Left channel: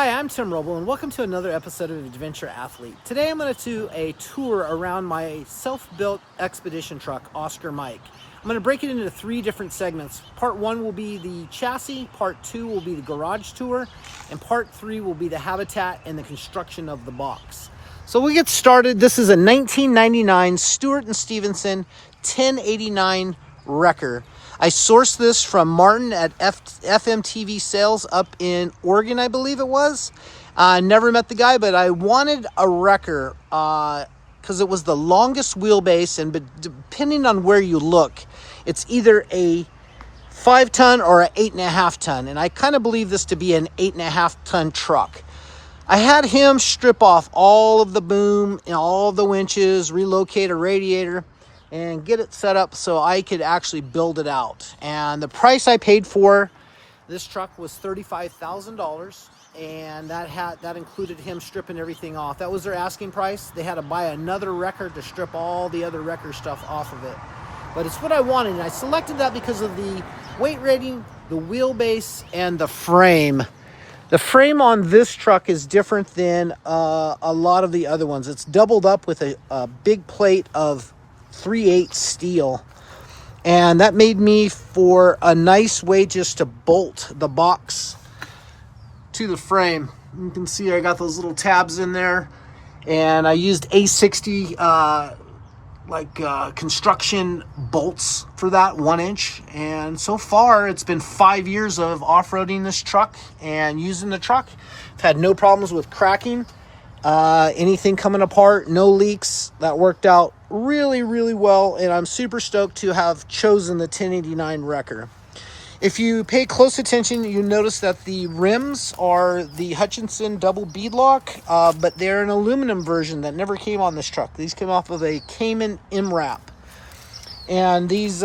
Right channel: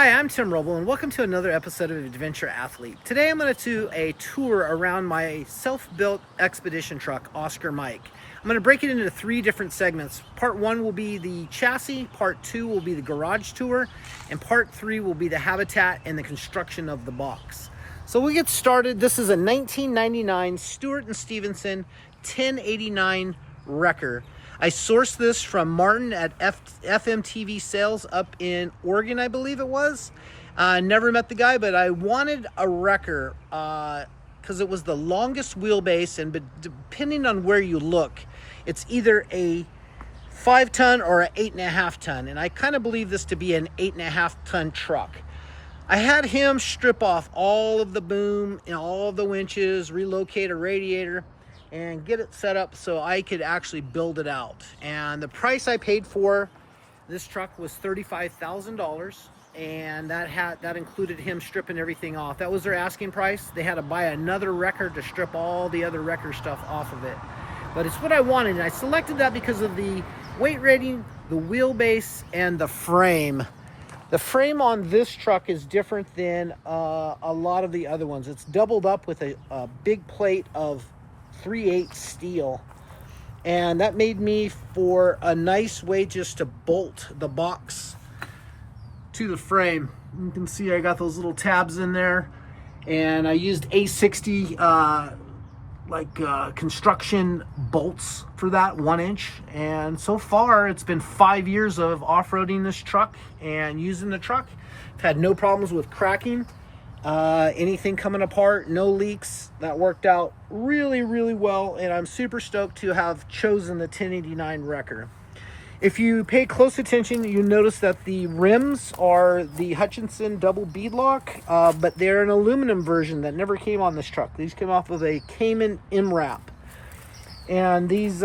Hi, I'm Tim Roble, and welcome to another episode of Adventure Athlete. Today I'm going to do a tour around my self-built expedition truck, Oscar Mike. I'm going to break it into 3 different segments. Part 1 will be the chassis, Part 2 will be the garage tour, and Part 3 will be the habitat and the construction of the box. So we'll get started. This is a 1999 Stewart & Stevenson 1089 Wrecker. I sourced this from Martin at FMTV Sales up in Oregon, I believe it was. I never met the guy, but I wanted a wrecker because it was the longest wheelbase, and depending on where you look, it's either a 5-ton or an 8.5-ton, and I kind of believe this to be an 8.5-ton truck. I had him strip off all of the boom and all of the winches, relocate a radiator, and get it set up so I could actually build it out. And the price I paid for this truck was $35,000, and that included him stripping everything off. That was their asking price. They had to buy another wrecker to strip all the other wrecker stuff off of it. But it's what I wanted, and I selected that because of the weight rating, the wheelbase, and the frame. The frame on this truck is different than a lot of the other ones. It's doubled up with a big plate of 3/8 steel, and that made me for a nice way just to bolt the box to the frame. You can see I got those little tabs in there, and I used A60 construction bolts for that 1-inch. And so far it's been 5 years of off-roading this truck and using the truck. I've had no problems with cracking, anything coming apart, no leaks. That worked out really well, and I'm super stoked to have chosen the 1089 Wrecker. If you pay close attention, you notice that the rims are the Hutchinson double beadlock, but they're an aluminum version that never came on this truck. These came off of a Cayman MRAP, and these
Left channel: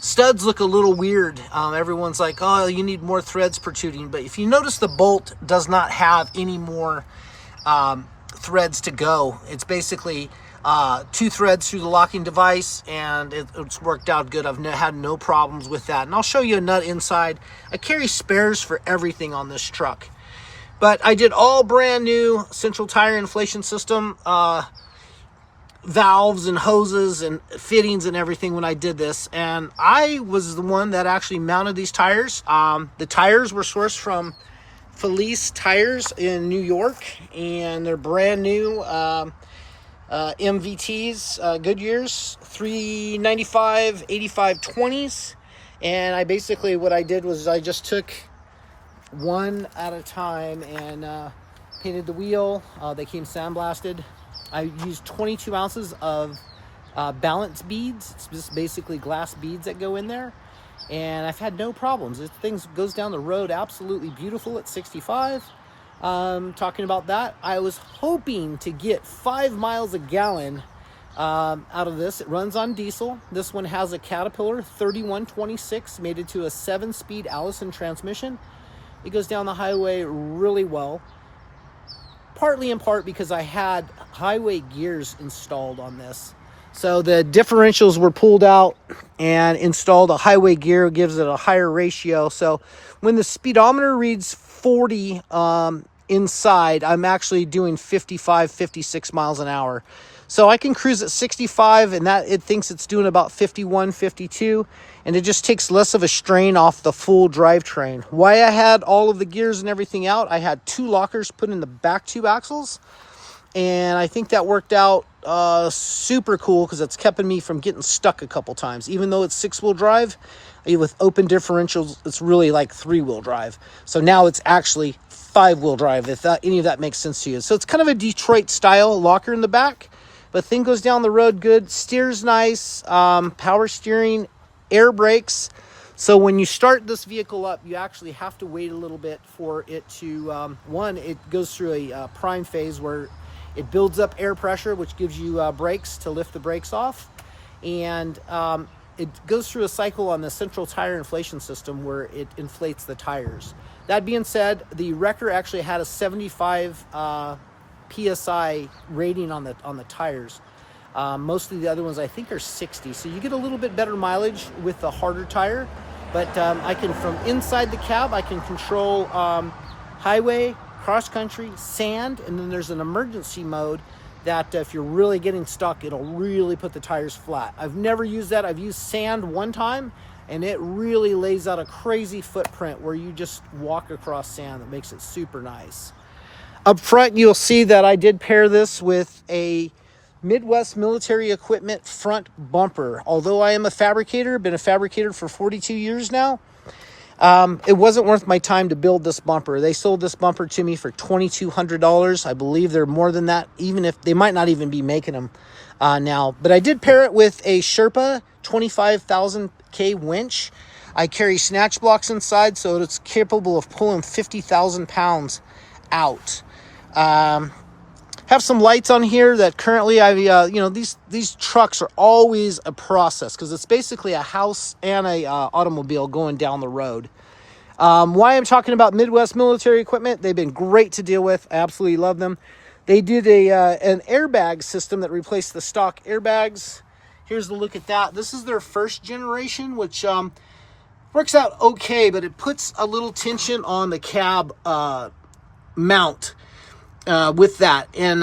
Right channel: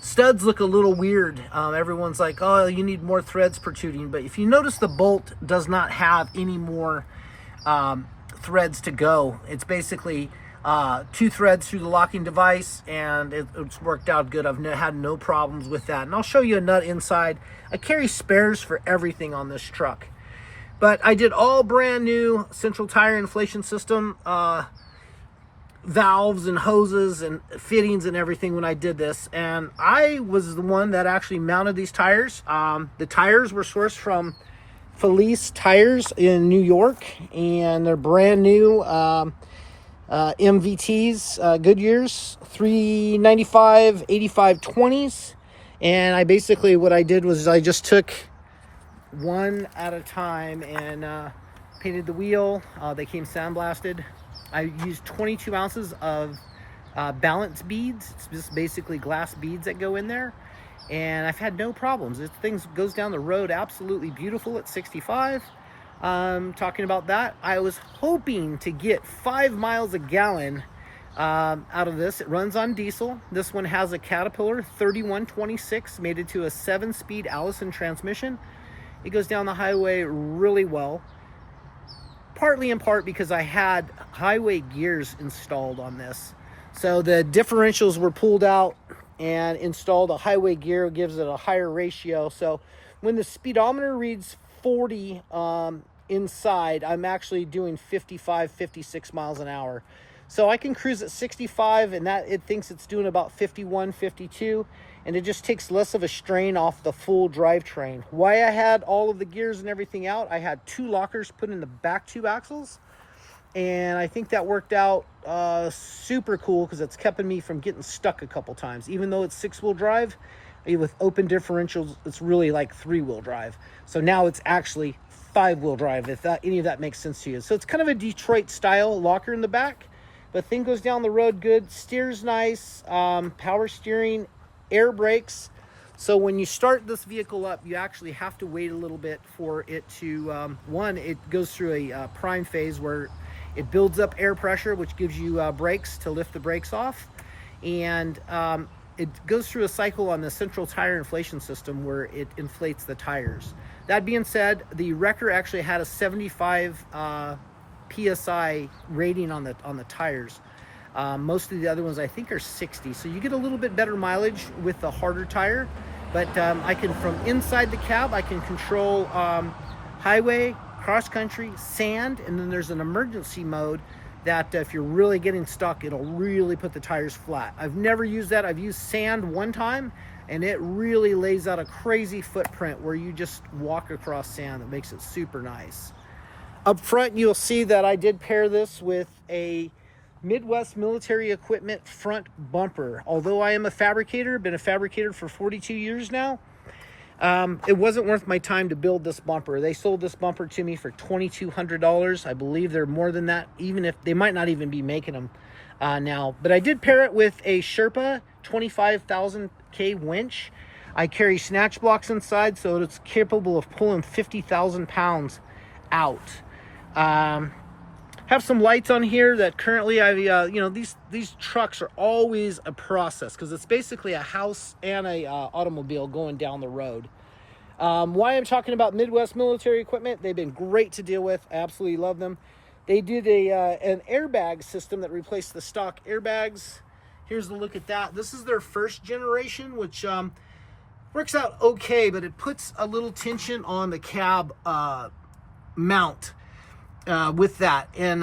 studs look a little weird. Everyone's like, oh, you need more threads protruding, but if you notice, the bolt does not have any more threads to go. It's basically 2 threads through the locking device, and it's worked out good. I've had no problems with that, and I'll show you a nut inside. I carry spares for everything on this truck, but I did all brand new central tire inflation system valves and hoses and fittings and everything when I did this, and I was the one that actually mounted these tires. The tires were sourced from Felice Tires in New York, and they're brand new MVTs, Goodyears, 395 85 20s. And what I did was I just took one at a time and painted the wheel. They came sandblasted. I used 22 ounces of balance beads. It's just basically glass beads that go in there, and I've had no problems. This thing goes down the road absolutely beautiful at 65. Talking about that, I was hoping to get 5 miles a gallon out of this. It runs on diesel. This one has a Caterpillar 3126 mated to a 7-speed Allison transmission. It goes down the highway really well, partly in part because I had highway gears installed on this. So the differentials were pulled out and installed a highway gear, gives it a higher ratio. So when the speedometer reads 40 inside, I'm actually doing 55, 56 miles an hour. So I can cruise at 65, and that it thinks it's doing about 51, 52, and it just takes less of a strain off the full drivetrain. Why I had all of the gears and everything out, I had 2 lockers put in the back 2 axles, and I think that worked out super cool because it's kept me from getting stuck a couple times. Even though it's 6-wheel drive, with open differentials, it's really like 3-wheel drive. So now it's actually 5-wheel drive, if any of that makes sense to you. So it's kind of a Detroit style locker in the back, but thing goes down the road good, steers nice, power steering, air brakes. So when you start this vehicle up, you actually have to wait a little bit for it to, it goes through a prime phase where it builds up air pressure, which gives you brakes to lift the brakes off. And it goes through a cycle on the central tire inflation system where it inflates the tires. That being said, the Wrecker actually had a 75 PSI rating on the tires. Most of the other ones I think are 60, so you get a little bit better mileage with the harder tire. But I can, from inside the cab, I can control highway, cross country, sand, and then there's an emergency mode that if you're really getting stuck, it'll really put the tires flat. I've never used that. I've used sand one time, and it really lays out a crazy footprint where you just walk across sand. That makes it super nice. Up front, you'll see that I did pair this with a Midwest Military Equipment front bumper. Although I am a fabricator, been a fabricator for 42 years now, it wasn't worth my time to build this bumper. They sold this bumper to me for $2,200. I believe they're more than that, even if they might not even be making them now. But I did pair it with a Sherpa 25,000K winch. I carry snatch blocks inside, so it's capable of pulling 50,000 pounds out. Have some lights on here that currently these trucks are always a process because it's basically a house and a automobile going down the road. Why I'm talking about Midwest Military Equipment, they've been great to deal with. I absolutely love them. They did an airbag system that replaced the stock airbags. Here's the look at that. This is their first generation, which works out okay, but it puts a little tension on the cab mount with that. And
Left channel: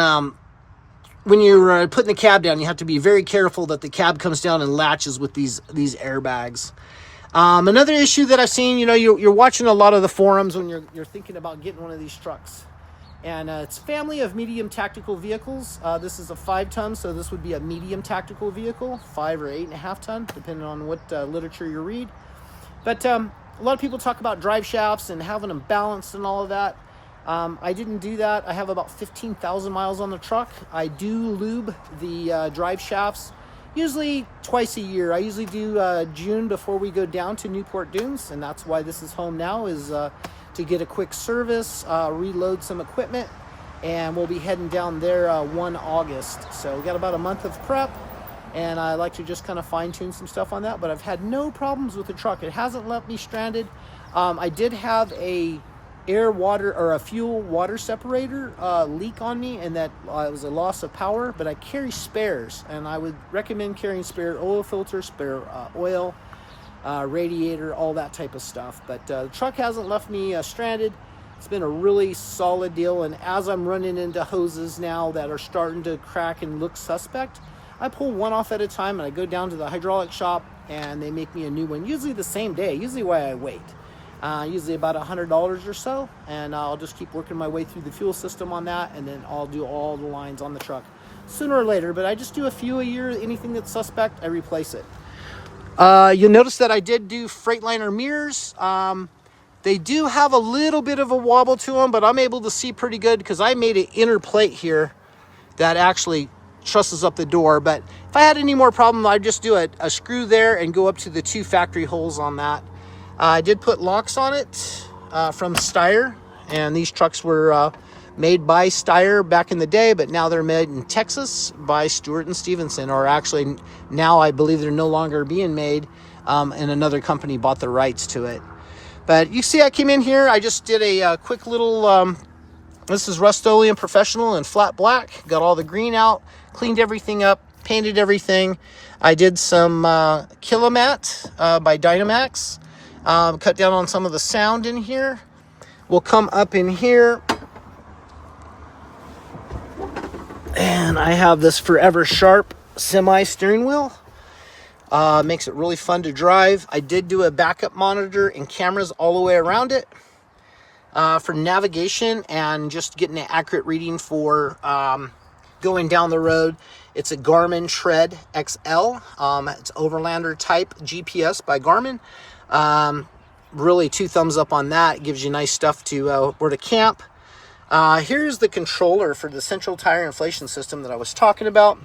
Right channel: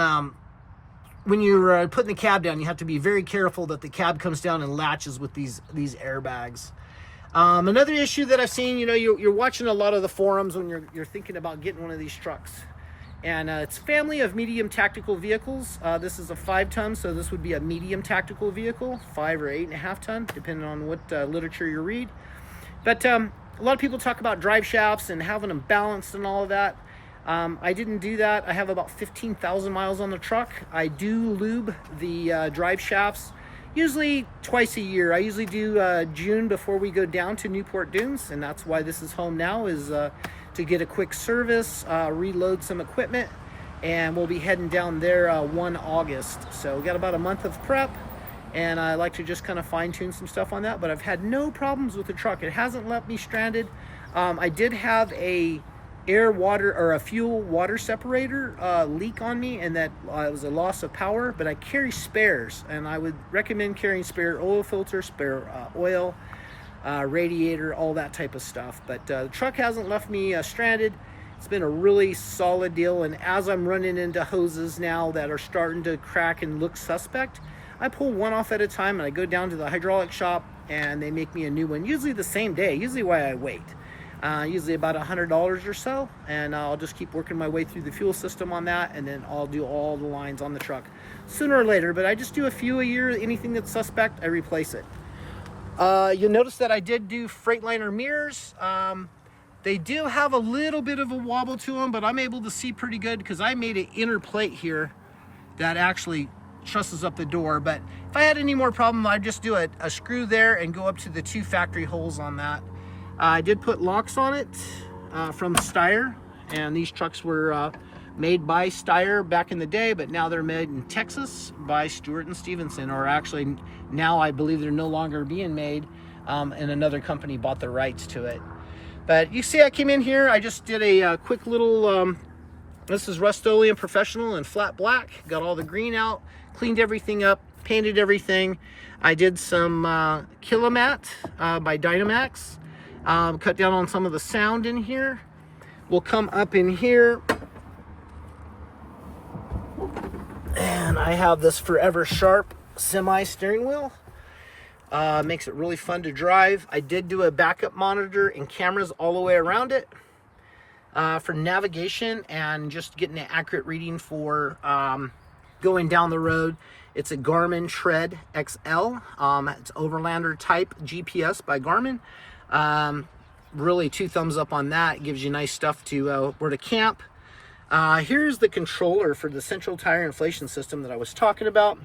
when you're putting the cab down, you have to be very careful that the cab comes down and latches with these airbags. Another issue that I've seen, you're watching a lot of the forums when you're thinking about getting one of these trucks. And it's a family of medium tactical vehicles. This is a 5-ton, so this would be a medium tactical vehicle, 5 or 8.5 ton, depending on what literature you read. But a lot of people talk about drive shafts and having them balanced and all of that. I didn't do that. I have about 15,000 miles on the truck. I do lube the drive shafts usually twice a year. I usually do June before we go down to Newport Dunes, and that's why this is home now, is to get a quick service, reload some equipment, and we'll be heading down there 1 August. So we got about a month of prep, and I like to just kind of fine tune some stuff on that, but I've had no problems with the truck. It hasn't left me stranded. I did have a fuel water separator leak on me, and that it was a loss of power, but I carry spares, and I would recommend carrying spare oil filter, spare oil, radiator, all that type of stuff. But the truck hasn't left me stranded. It's been a really solid deal, and as I'm running into hoses now that are starting to crack and look suspect, I pull one off at a time, and I go down to the hydraulic shop and they make me a new one, usually the same day, usually why I wait. Usually about $100 or so, and I'll just keep working my way through the fuel system on that, and then I'll do all the lines on the truck sooner or later. But I just do a few a year. Anything that's suspect, I replace it. You'll notice that I did do Freightliner mirrors. They do have a little bit of a wobble to them, but I'm able to see pretty good because I made an inner plate here that actually trusses up the door. But if I had any more problem, I'd just do a screw there and go up to the 2 factory holes on that. I did put locks on it from Steyr, and these trucks were made by Steyr back in the day, but now they're made in Texas by Stewart and Stevenson, or actually now I believe they're no longer being made, and another company bought the rights to it. But you see I came in here, I just did a quick little, this is Rust-Oleum Professional in flat black, got all the green out, cleaned everything up, painted everything. I did some Kilomat by Dynamax. Cut down on some of the sound in here. We'll come up in here, and I have this Forever Sharp semi steering wheel. Makes it really fun to drive. I did do a backup monitor and cameras all the way around it for navigation and just getting an accurate reading for going down the road. It's a Garmin Tread XL. It's Overlander type GPS by Garmin. Really 2 thumbs up on that. It gives you nice stuff to where to camp. Here's the controller for the central tire inflation system that I was talking about.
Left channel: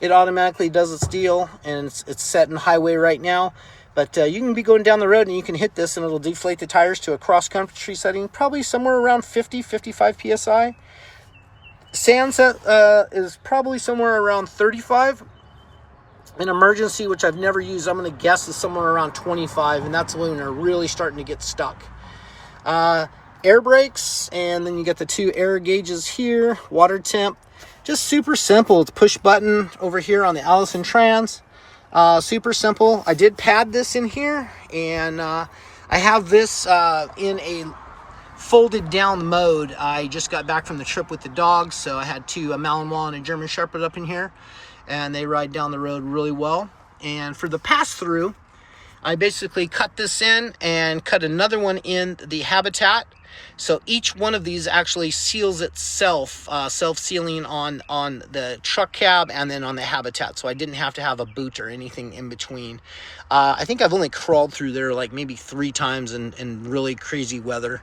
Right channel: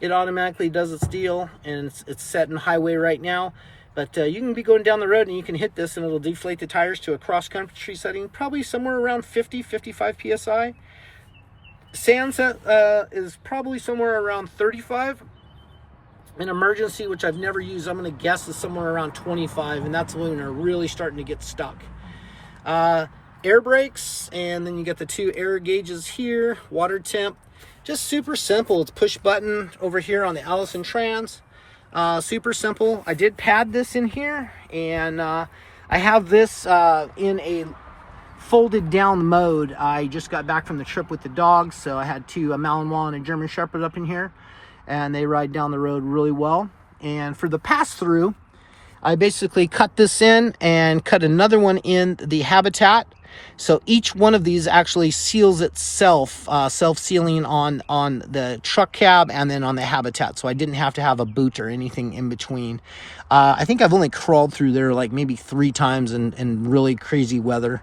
It automatically does its deal, and it's set in highway right now. But you can be going down the road and you can hit this and it'll deflate the tires to a cross country setting, probably somewhere around 50-55 psi. Sand set is probably somewhere around 35. An emergency, which I've never used, I'm going to guess is somewhere around 25, and that's when they're really starting to get stuck. Air brakes, and then you get the 2 air gauges here, water temp. Just super simple. It's push button over here on the Allison Trans. Super simple. I did pad this in here, and I have this in a folded down mode. I just got back from the trip with the dogs, so I had two, a Malinois and a German Shepherd up in here, and they ride down the road really well. And for the pass-through, I basically cut this in and cut another one in the habitat. So each one of these actually seals itself, self-sealing on the truck cab and then on the habitat. So I didn't have to have a boot or anything in between. I think I've only crawled through there like maybe 3 times in really crazy weather.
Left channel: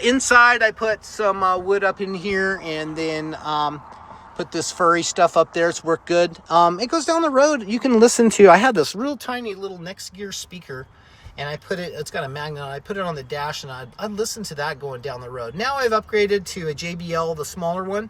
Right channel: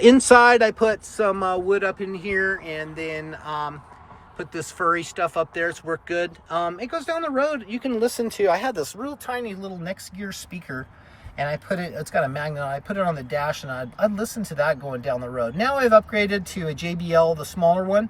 Inside, I put some wood up in here, and then put this furry stuff up there. It's worked good. It goes down the road. You can listen to, I had this real tiny little next gear speaker, and I put it, it's got a magnet on it. I put it on the dash, and I'd listen to that going down the road. Now I've upgraded to a JBL, the smaller one.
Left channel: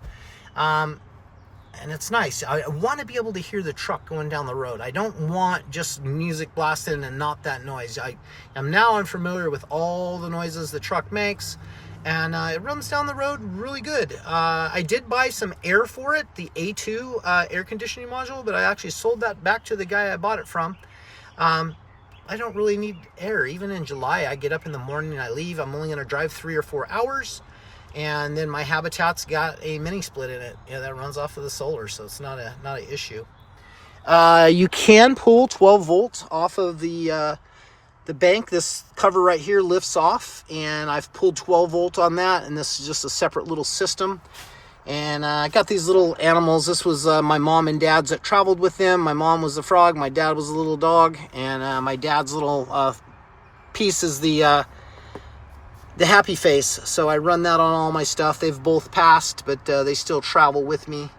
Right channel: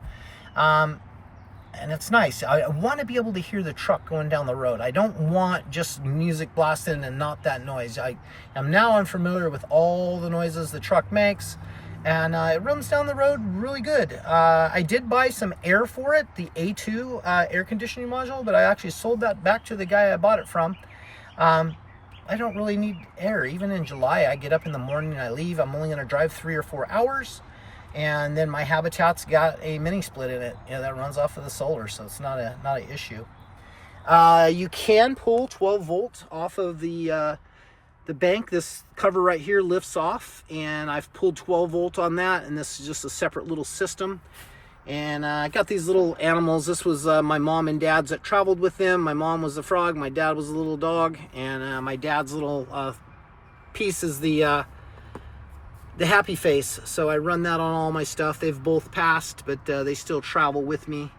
And it's nice. I want to be able to hear the truck going down the road. I don't want just music blasting and not that noise. I'm familiar with all the noises the truck makes, and it runs down the road really good. I did buy some air for it, the A2 air conditioning module, but I actually sold that back to the guy I bought it from. I don't really need air. Even in July, I get up in the morning and I leave. I'm only going to drive 3 or 4 hours. And then my Habitat's got a mini split in it, that runs off of the solar, so it's not an issue. You can pull 12 volts off of the bank. This cover right here lifts off, and I've pulled 12 volt on that, and this is just a separate little system. And I got these little animals. This was my mom and dad's that traveled with them. My mom was the frog, my dad was a little dog, and my dad's little piece is the happy face. So I run that on all my stuff. They've both passed, but they still travel with me.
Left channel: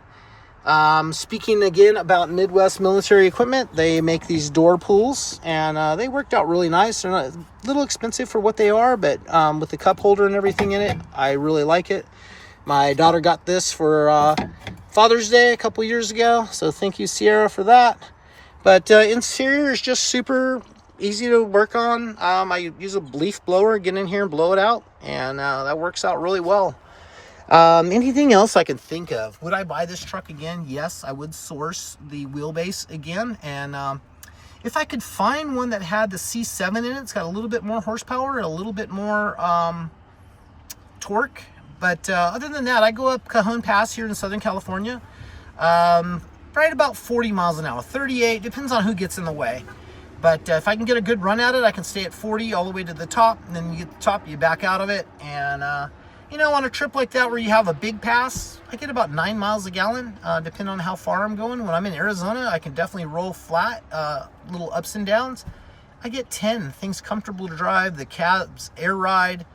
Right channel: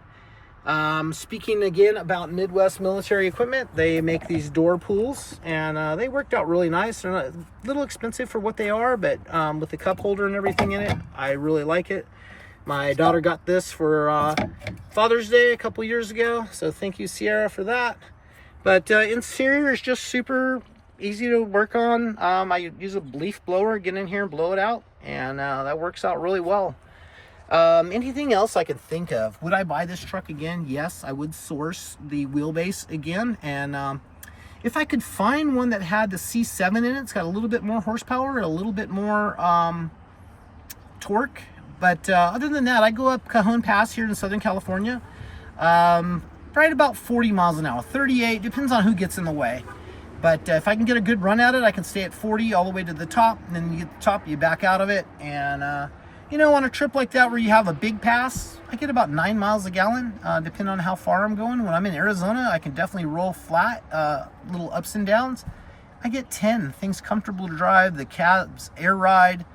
Speaking again about Midwest military equipment, they make these door pulls, and they worked out really nice. They're not a little expensive for what they are, but with the cup holder and everything in it, I really like it. My daughter got this for Father's Day a couple years ago, so thank you, Sierra, for that. But interior is just super easy to work on. I use a leaf blower, get in here and blow it out, and that works out really well. Anything else I can think of? Would I buy this truck again? Yes, I would source the wheelbase again, and if I could find one that had the C7 in it, it's got a little bit more horsepower, a little bit more torque. But other than that, I go up Cajon Pass here in Southern California, right about 40 miles an hour, 38, depends on who gets in the way. But if I can get a good run at it, I can stay at 40 all the way to the top, and then you get to the top, you back out of it. And, on a trip like that where you have a big pass, I get about 9 miles a gallon, depending on how far I'm going. When I'm in Arizona, I can definitely roll flat, little ups and downs. I get 10, things comfortable to drive, the cabs, air ride.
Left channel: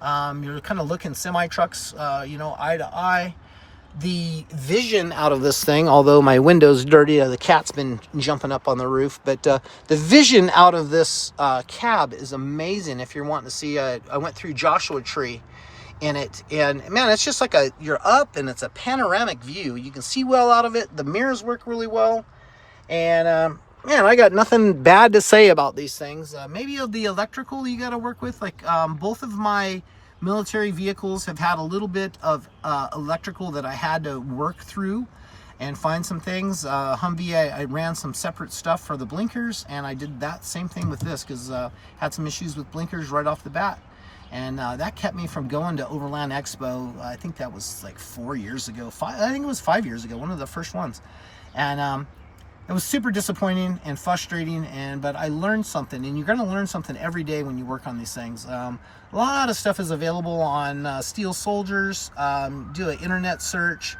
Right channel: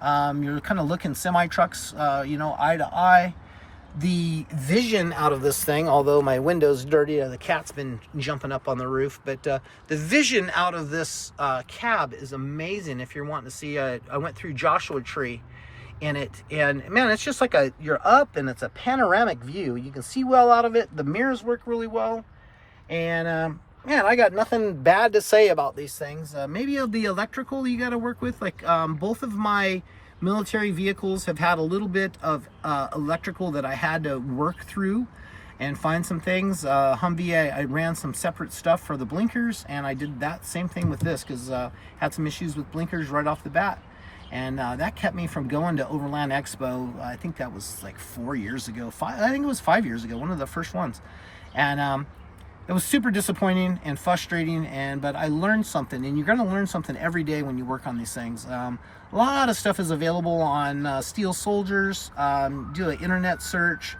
You're kind of looking semi-trucks, eye to eye. The vision out of this thing, although my window's dirty, the cat's been jumping up on the roof, but the vision out of this cab is amazing. If you're wanting to see, I went through Joshua Tree in it, and man, it's just like you're up, and it's a panoramic view. You can see well out of it. The mirrors work really well, and man, I got nothing bad to say about these things. Maybe the electrical you got to work with. Like both of my military vehicles have had a little bit of electrical that I had to work through and find some things. Humvee, I ran some separate stuff for the blinkers, and I did that same thing with this because had some issues with blinkers right off the bat. And that kept me from going to Overland Expo. I think that was like 4 years ago. I think it was 5 years ago, one of the first ones. And it was super disappointing and frustrating, but I learned something, and you're going to learn something every day when you work on these things. A lot of stuff is available on Steel Soldiers. Do an internet search.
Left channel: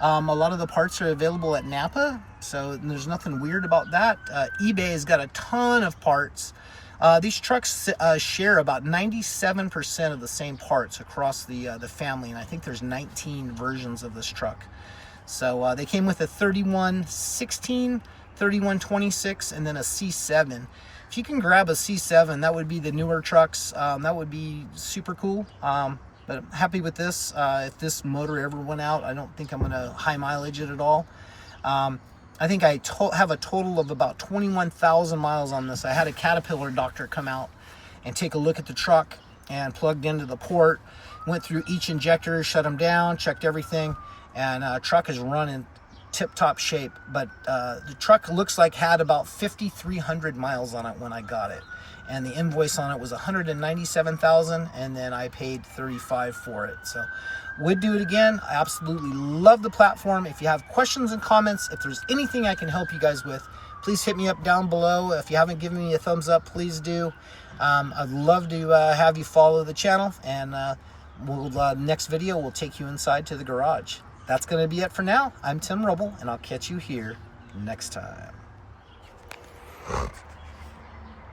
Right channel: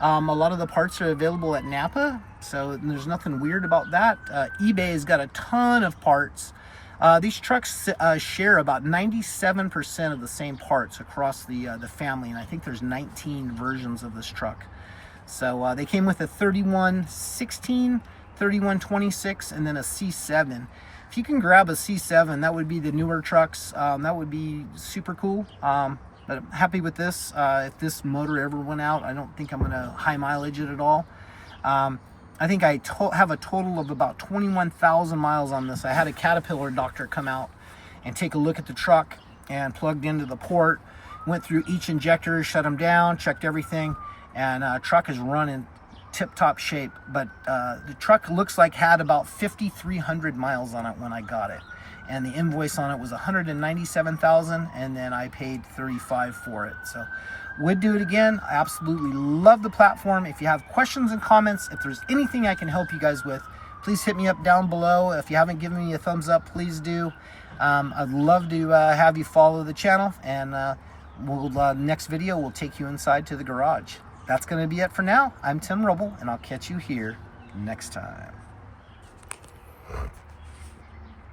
A lot of the parts are available at Napa, so there's nothing weird about that. eBay has got a ton of parts. These trucks share about 97% of the same parts across the family, and I think there's 19 versions of this truck. So they came with a 3116, 3126, and then a C7. If you can grab a C7, that would be the newer trucks. That would be super cool. But I'm happy with this. If this motor ever went out, I don't think I'm going to high mileage it at all. I think I have a total of about 21,000 miles on this. I had a Caterpillar doctor come out and take a look at the truck and plugged into the port, went through each injector, shut them down, checked everything. And truck is running tip-top shape, but the truck looks like had about 5,300 miles on it when I got it. and the invoice on it was $197,000, and then I paid $35,000 for it. So would do it again. I absolutely love the platform. If you have questions and comments, if there's anything I can help you guys with, please hit me up down below. If you haven't given me a thumbs up, please do. I'd love to have you follow the channel, and next video will take you inside to the garage. That's going to be it for now. I'm Tim Rubble, and I'll catch you here next time.